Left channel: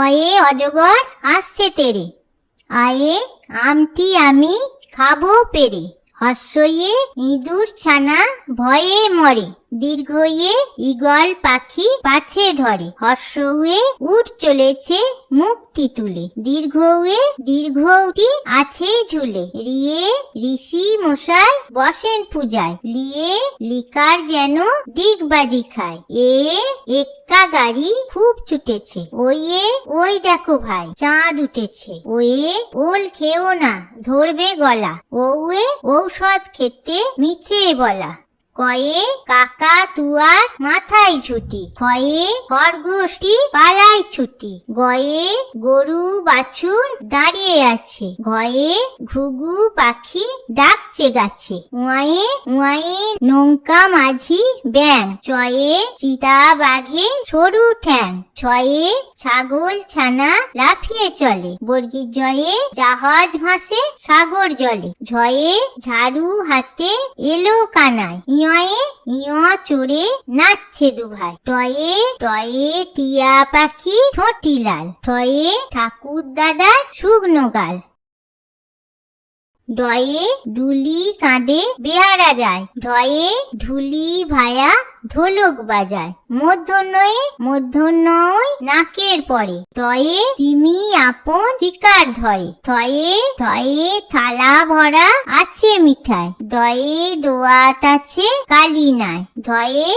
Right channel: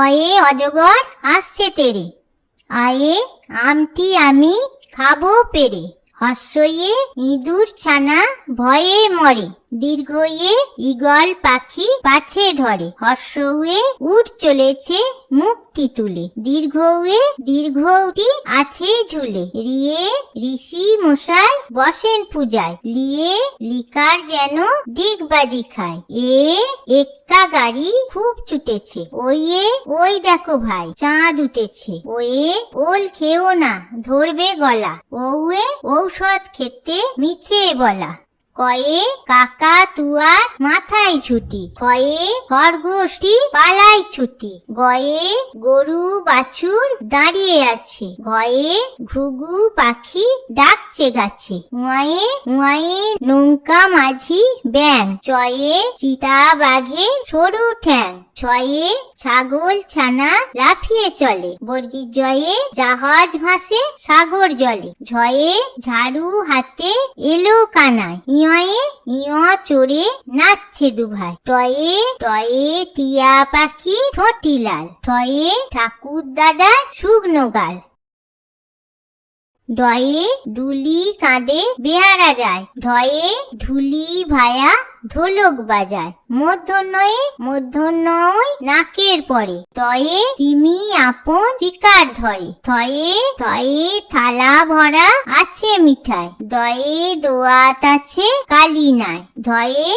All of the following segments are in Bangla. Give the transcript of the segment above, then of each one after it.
অয়ে অজগর আসছে তেরে, আয়ে আমটি আমি খাবো পেরে। হর্ষয়ে ইঁদুর ছানা ভয়ে মরে, দীর্ঘয়ে ঈগল পাখি পাছে ধরে। হর্ষ হয়ে উঠ চলেছে মুখটি তুলে, দীর্ঘ হয়ে দীর্ঘটি আছে ঝুলে। রিয়ে ঋষি মশাই বসেন পূজায়, লিয়ে লিকার যেন ডিগবাজি খায়। এক্কা গাড়ি খুব ছুটেছে, ওয়ে ওই দেখো ভাই চাঁদ উঠেছে। ওয়ে ওল খেও না ধরবে গলা, ওয়ে ঔষধ খেতে মিছে বলা। কয়ে কাকা তুয়ার মাথায় ছুটি, কয়ে খরগোশটি পালায় ছুটি। গয়ে গরু বাছুর দাঁড়িয়ে আছে, গয়ে ঘুঘু পাখি ডাকছে গাছে। উয়ায়ে উয়ায়ে নৌকা মাঝি ব্যাং, চয়ে চিতা বাঘের সরু ঠ্যাং। ছয়ে ছাগল ছানা লাফিয়ে চলে, বর্গীর জয়ে জাহাজ ভাসে সাগর জলে। ঝয়ে ঝাড়ু হাতে এলো কানায়, ইয়ে ইয় চড়ে নাচছে দুভাই। টয়ে টয়ে টিয়া পাখি ঠোঁটি লাল, ঠয়ে ঠাকুর দাদার শুকনো গাল। ডয়ে ডুলি কাঁদে বেহারা যায়, ঢয়ে ঢুলি ভায়া ঢোলক বাজায়। মূর্ধন্যয় নাকের পরে, তয়ে তিমি আপন শিকার ধরে। থয়ে থয়ে থালা ভরা আছে মিঠাই, দয়ে দোয়াত আছে কালি নাই। ধয়ে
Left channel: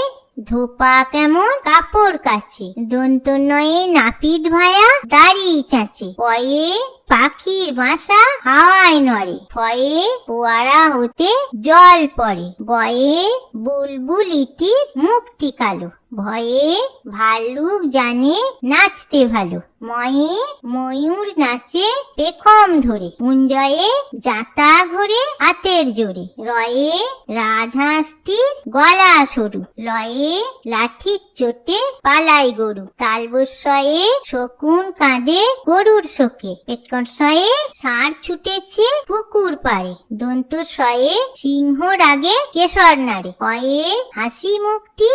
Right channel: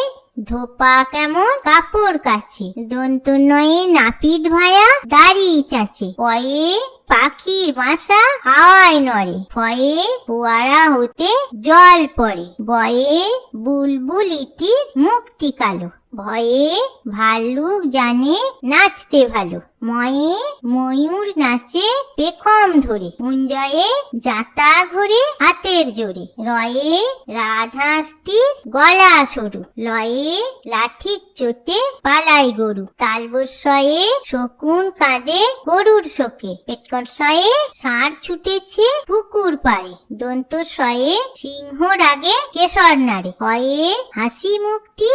ধোপা কেমন কাপড় কাছে, দন্তনয়ে নাপিত ভায়া দাড়ি চাচে। পয়ে পাখির বাসা হাওয়ায় নড়ে, ফয়ে ফোয়ারা হতে জল পড়ে। বয়ে বুলবুলিটির মুখটি কালো, ভয়ে ভাল্লুক জানে নাচতে ভালো। ময়ে ময়ূর নাচে পেখম ধরে, কুঞ্জয়ে জাতা ঘোরে হাতের জোরে। রয়ে রাজহাঁসটির গলা সরু, লয়ে লাঠির চোটে পালাই গরু। তালবস্যয়ে শকুন কাঁদে গরুর শোকে, পেটকটসয়ে ষাঁড় ছুটেছে পুকুর পাড়ে। দন্তস্বয়ে সিংহ রাগে কেশর নাড়ে, হয়ে হাসি মুখটি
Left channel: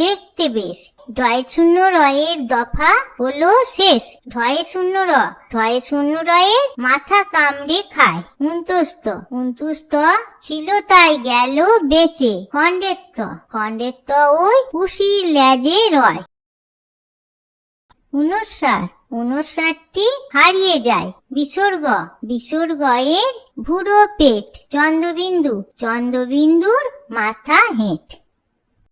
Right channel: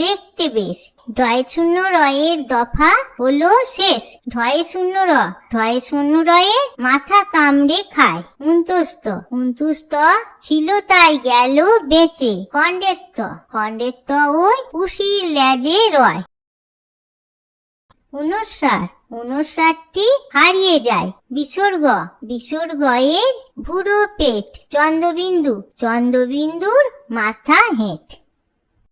দেখতে বেশ। ঢয় শূন্য রয়ের দফা হলো শেষ, ঢয় শূন্য রয়ের মাথা কামড়ে খায়। উন্তুস্ত ছিল তাই গেল বেঁচে, খণ্ডেত্ব ওই পুষির লেজে রয়। উনস্রারটি হারিয়ে যায়। বিসর্গয়ের ভুরো পেট, চন্দ্রবিন্দুর মাথা হেঁট।